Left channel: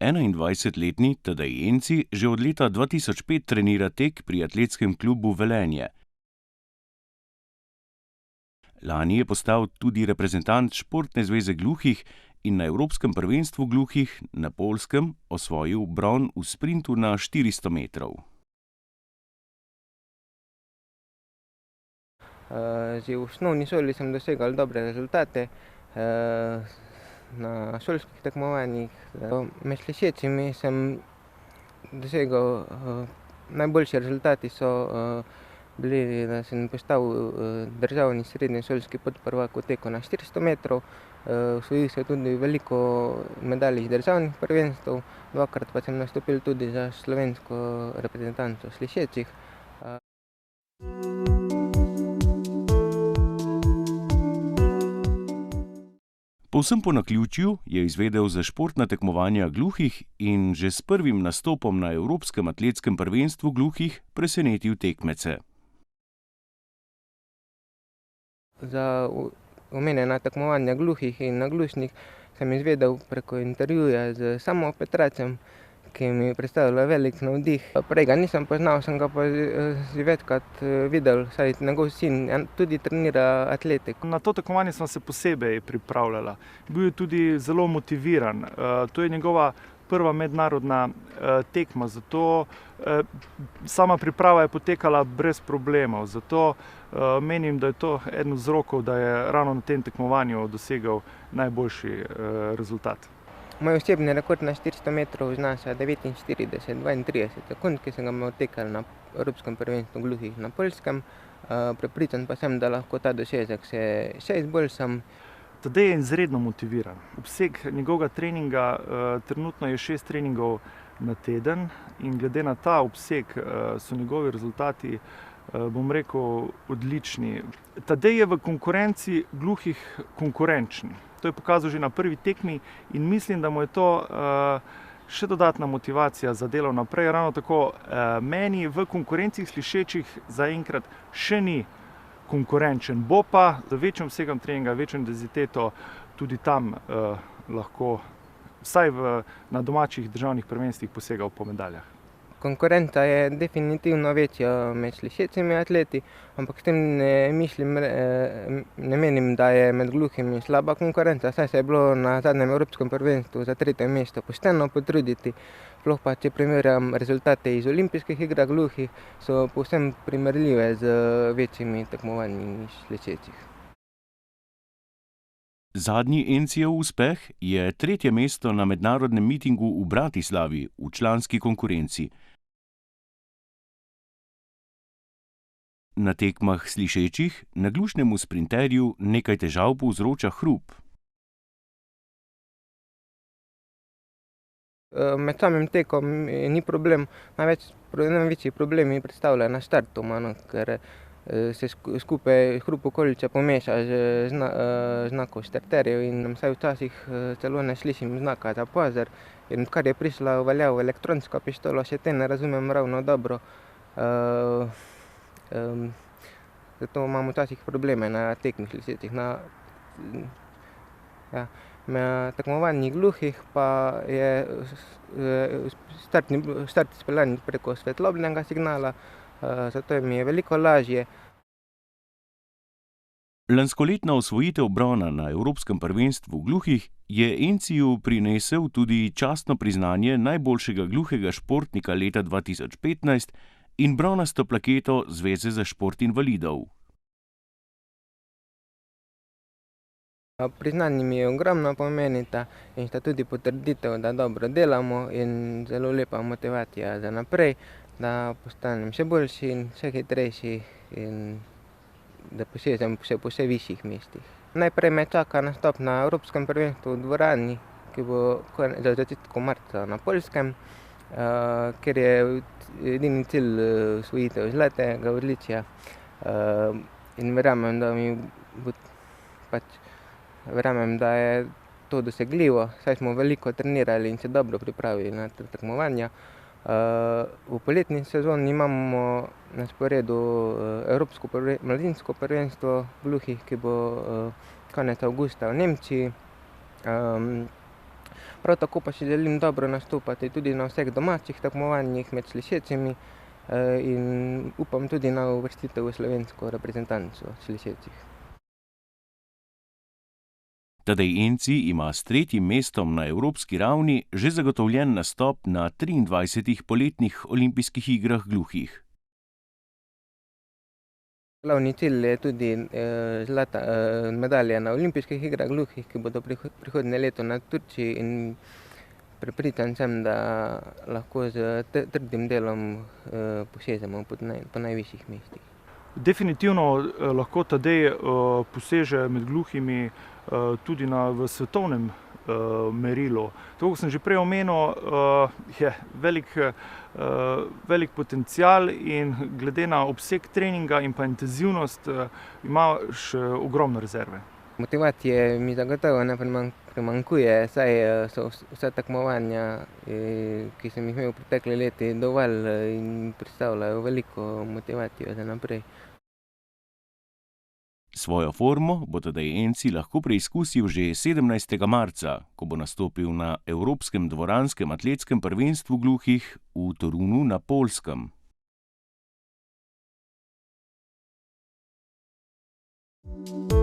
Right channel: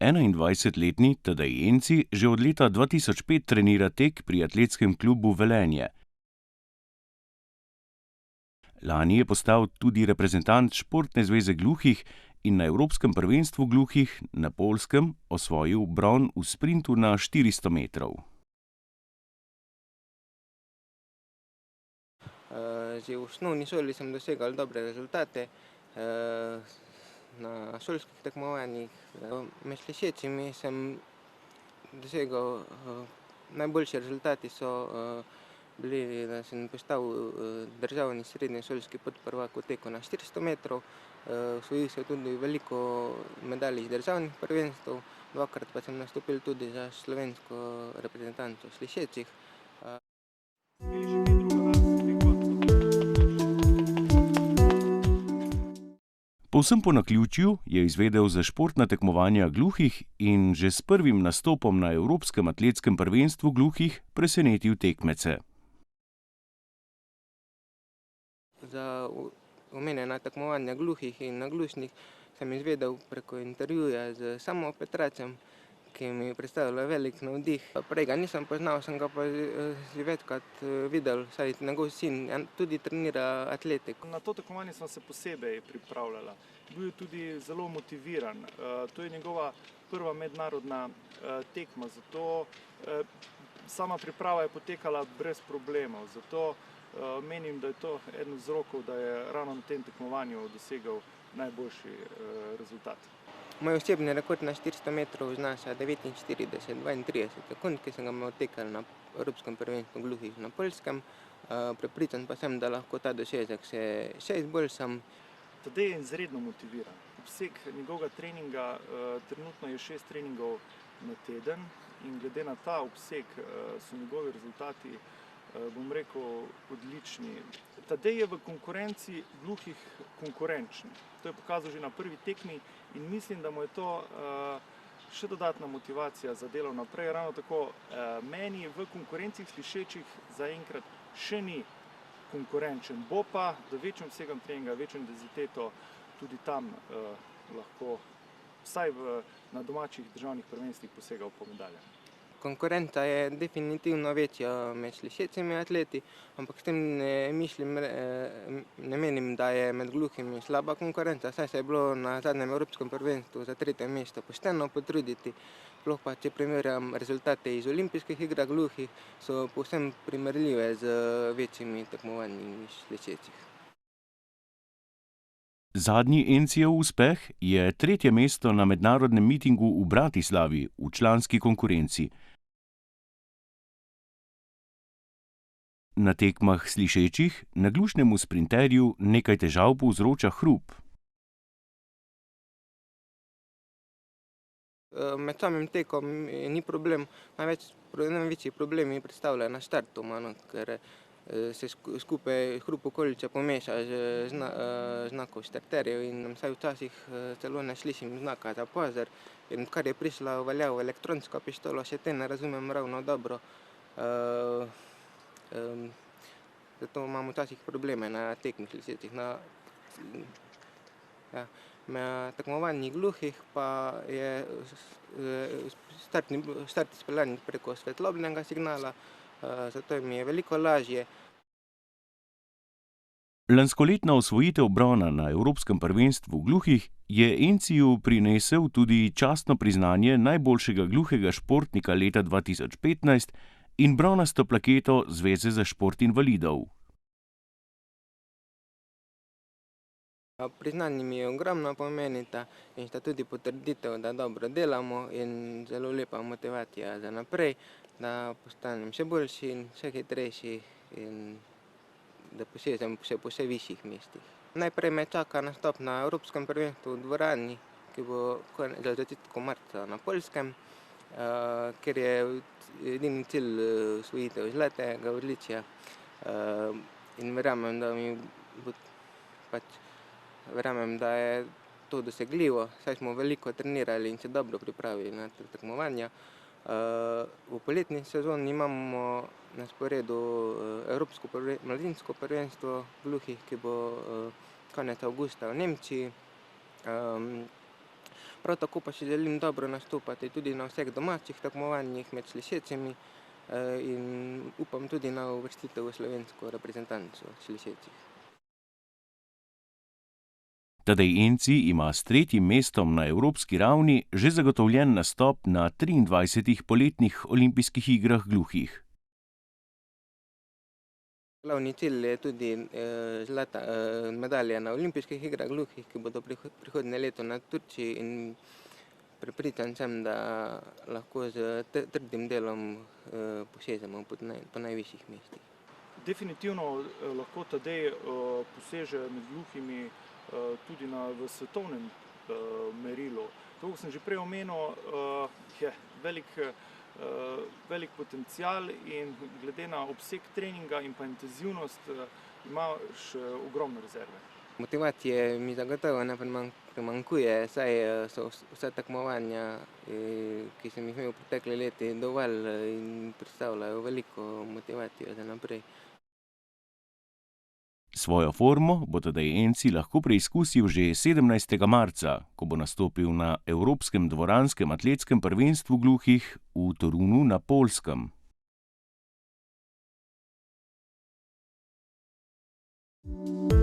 21-letni Tadej Enci že od leta 2005 trenira tek pri atletskem klubu Velenje. Lani je postal tudi reprezentant Športne zveze gluhih in na Evropskem prvenstvu gluhih na Poljskem osvojil bron v sprintu na 400 metrov. Že v osnovni šoli sem dosegal dobre rezultate. Na šolskih tekmovanjih med slišečimi sem dosegal najboljši rezultati so bili, da sem postal državni srednješolski podprvak v teku na 400 metrov. Osvojil sem tudi veliko medalj iz državnih prvenstev, dvakrat pa sem nastopil tudi za slovensko reprezentanco slišečih. Povsem po naključju je izvedel za športna tekmovanja gluhih in že s prvim nastopom na Evropskem atletskem prvenstvu gluhih presenetil tekmece. Za omenjena tekmovanja gluhih in naglušnih sem izvedel preko intervjuja z Samo Petracem, ki mi je predstavljal velik navdih. Prej ga nisem poznal, sem ga pa že večkrat videl, saj njegov sin tudi trenira atletiko. Na to tekmovanje sem se posebej pripravljala. Bil je tudi zelo motiviran. To je njegova prva mednarodna tekma, zato sama priprava je potekala brez problemov. Zato menim, da je to eden od vzrokov, da je ravno na tem tekmovanju dosegel najboljši rezultat. Moj osebni rekord na 400 metrov znaša 49,32 sekund, ki sem ga odtekal na Evropskem prvenstvu gluhih na Poljskem. Prepričan pa sem, da lahko ta dosežek še izboljšam. Tadej je izredno motiviran. Obseg njegovega treninga trenutno je 6 treningov na teden in glede na ta obseg so njegovi rezultati, bom rekel, odlični. Tadej je v konkurenci gluhih konkurenčni. To je pokazal že na prvi tekmi in mislim, da mu je to še dodatna motivacija za delo naprej. Ravno tako meni v konkurencih slišečih zaenkrat še ni konkurenčen. Bo pa z večjim obsegom treninga, večjo intenziteto tudi tam lahko vsaj na domačih državnih prvenstvih posegal po medaljah. Konkurenca je definitivno večja med slišečimi atleti, ampak s tem ne menim, da je med gluhimi slaba konkurenca, saj se je bilo na zadnjem Evropskem prvenstvu za 3. mesto pošteno potruditi. Sploh pa, če primerjam rezultate iz olimpijskih iger gluhih, so povsem primerljive z večjimi tekmovanji slišečih. Zadnji Encijev uspeh je 3. mesto na mednarodnem mitingu v Bratislavi v članski konkurenci. Na tekmah slišečih naglušnemu sprinterju nekaj težav povzroča hrup. Med samim tekom ni problem, največji problem mi predstavlja na štartu, ker se skupaj hrup okolice pomeša z znakov štarterjev in saj včasih celo ne slišim znaka za pozor. In odkar je prišla v veljavo elektronska pištola, še te ne razumem ravno dobro. Zato imam včasih probleme na tekmih slišečih. Na tekmovanjih gluhih pa je štart izpeljan preko svetlobnega signala, zato mi je veliko lažje. Lanskoletna osvojitev brona na Evropskem prvenstvu gluhih je Enciju prinesel tudi častno priznanje najboljšega gluhega športnika leta 2015 in bronasto plaketo Zveze za šport invalidov. Priznanje mi je ogromno pomenita in sta tudi potrditev, da dobro delamo in zelo lepa motivacija za naprej, da postanem še boljši in še hitrejši in da posežem še po vse višjih mestih. Najprej me čaka nastop na Evropskem prvenstvu v dvorani, ki bo za začetku marca na Poljskem, ker je edini cilj osvojitev zlatega odličja in verjamem, da je to dosegljivo, saj smo veliko trenirali in se dobro pripravili na te tekmovanja. V poletni sezoni imamo na sporedu Evropsko mladinsko prvenstvo gluhih, ki bo konec avgusta v Nemčiji. Prav tako pa si želim dobro nastopati tudi na vseh domačih tekmovanjih med slišečimi in upam tudi na uvrstitev v slovensko reprezentanco slišečih. Tadej Enci ima s 3. mestom na evropski ravni že zagotovljen nastop na 23 poletnih olimpijskih igrah gluhih. Glavni cilj je tudi zlata medalja na olimpijskih igrah gluhih, ki bodo prihodnje leto na Turčiji, in prepričan sem, da lahko z trdim delom posežemo po najvišjih mestih. Definitivno lahko Tadej poseže med gluhimi tudi v svetovnem merilu. Tako kot sem že prej omenil, je velik potencial in glede na obseg treninga in pa intenzivnost ima še ogromne rezerve. Motivacije mi zagotovo ne primanjkuje, saj so vsa tekmovanja, ki sem jih imel v preteklih letih, dovolj in predstavljajo veliko motivacijo za naprej. Svojo formo bo Tadej Enci lahko preizkusil že 17. marca, ko bo nastopil na Evropskem dvoranskem atletskem prvenstvu gluhih v Torunu na Poljskem. Thank you.